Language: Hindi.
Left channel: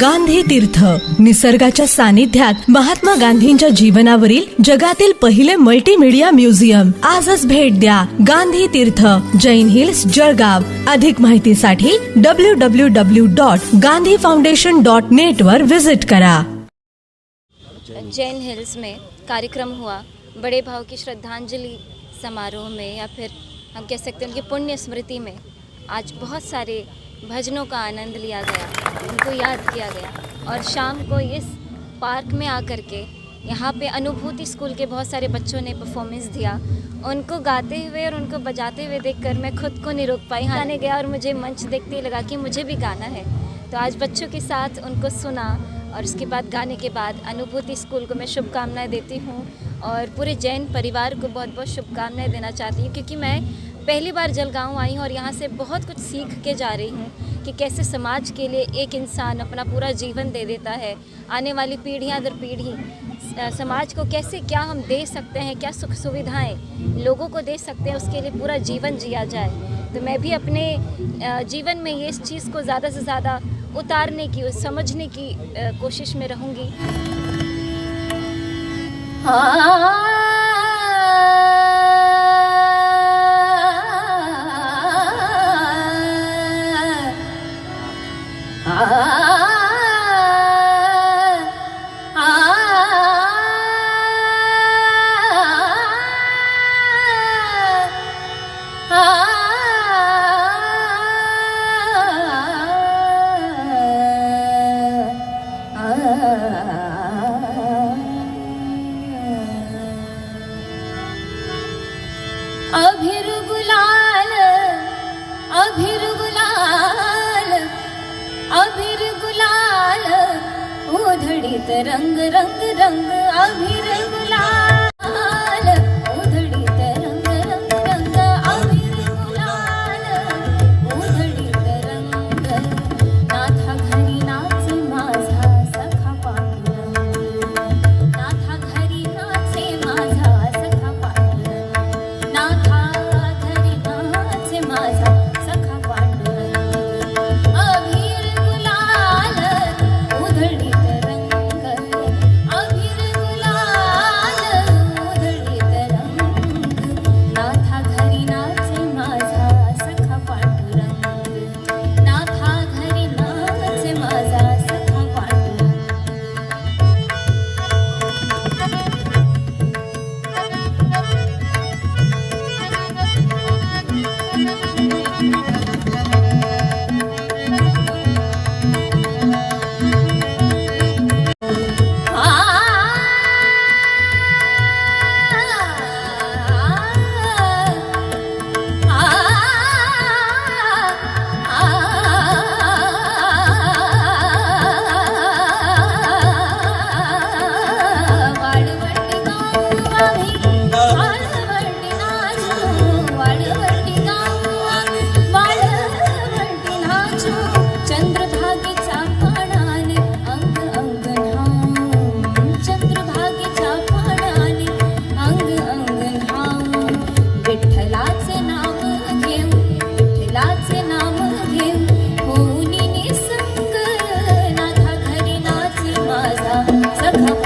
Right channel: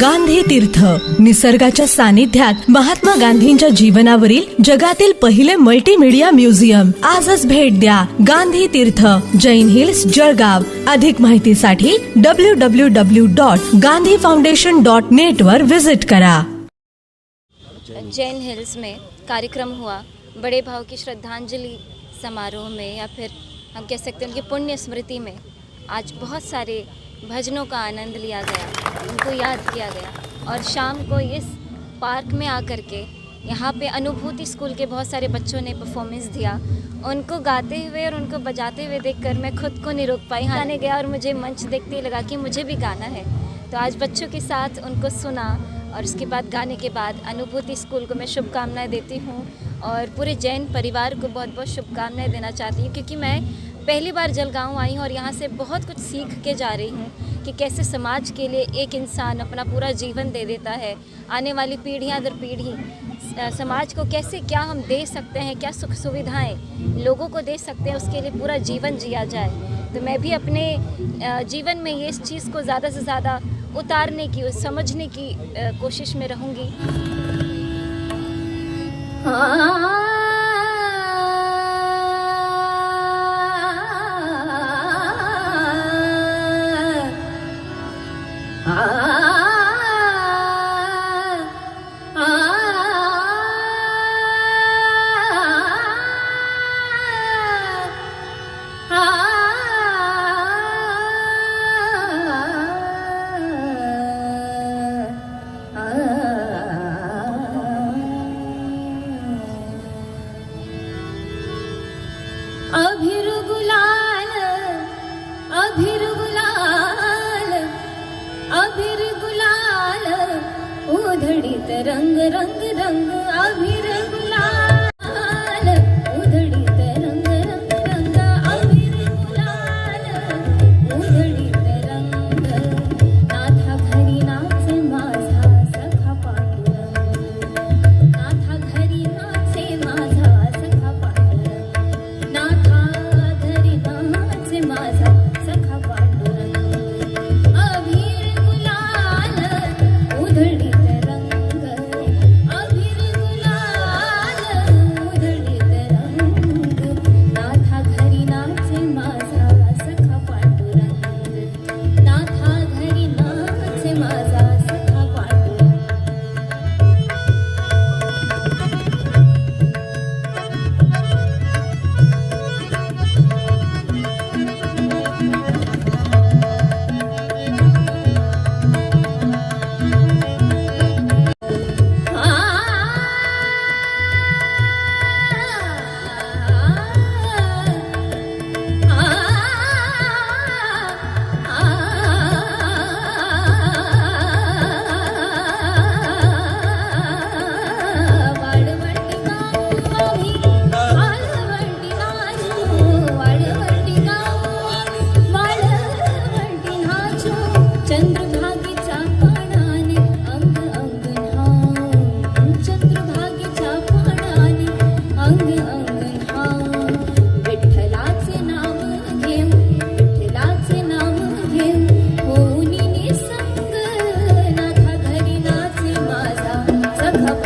गांधी तीर्थ. निसर्गाच्या सानिध्यात महात्मा गांधींच्या जीवनावरील जगातील पहिले मल्टीमीडिया म्युझियम आजच भेट द्या गांधी तीर्थ जैन हिल्स जळगाव. अधिक माहितीसाठी W W W dot Gandhi foundation dot net वर विजिट करा. जैन हिल्स में कार्यक्रम हुआ। बड़े भाव की श्रद्धांजलि समारोह में या फिर हम कह सकते हैं उनकी पुण्य स्मृति में आज बहुत सारे भजनों का आनंद लिया गया, उनको याद किया गया और शाम को इस पार्क में आकर के यहाँ पे अनुभूति स्कूल के बहुत सारे बच्चों ने परफॉर्मेंस दिया। उनको गाते हुए और उनको बजाते हुए देखकर मैं खुद को नहीं रोक पाई गाने गया और मुझे मंच देखते ही लगा कि मुझे भी गाना है। तो आज बच्चों के साथ उनको सुना और उसके बाद गाने के बाद अनुभूति स्कूल को मैं शुभकामनाएँ देती हूँ और पूरे जैन परिवार को बहुत बहुत शुभकामनाएँ देना चाहती हूँ, क्योंकि मैं पहली बार जलगांव आई हूँ और यहाँ से बहुत कुछ सीख के जा रही हूँ कि कैसे समाज के लिए एक इंसान अपना पूरा जीवन दे देता है। आने वाली पीढ़ियाँ दर पीढ़ी समाज को कैसे क्या हम दे सकते हैं, क्या सुख सुविधाएँ लोगों को दे सकते हैं, उसके लिए पूरा जीवन जिया जाए। तो मैं भी अपने जीवन में ये इस चीज़ को ज़्यादा से ज़्यादा उतारने की समझने की कोशिश में रहूँगी। Ah. रंग रंग रंग अभिर गुलाल Thank you.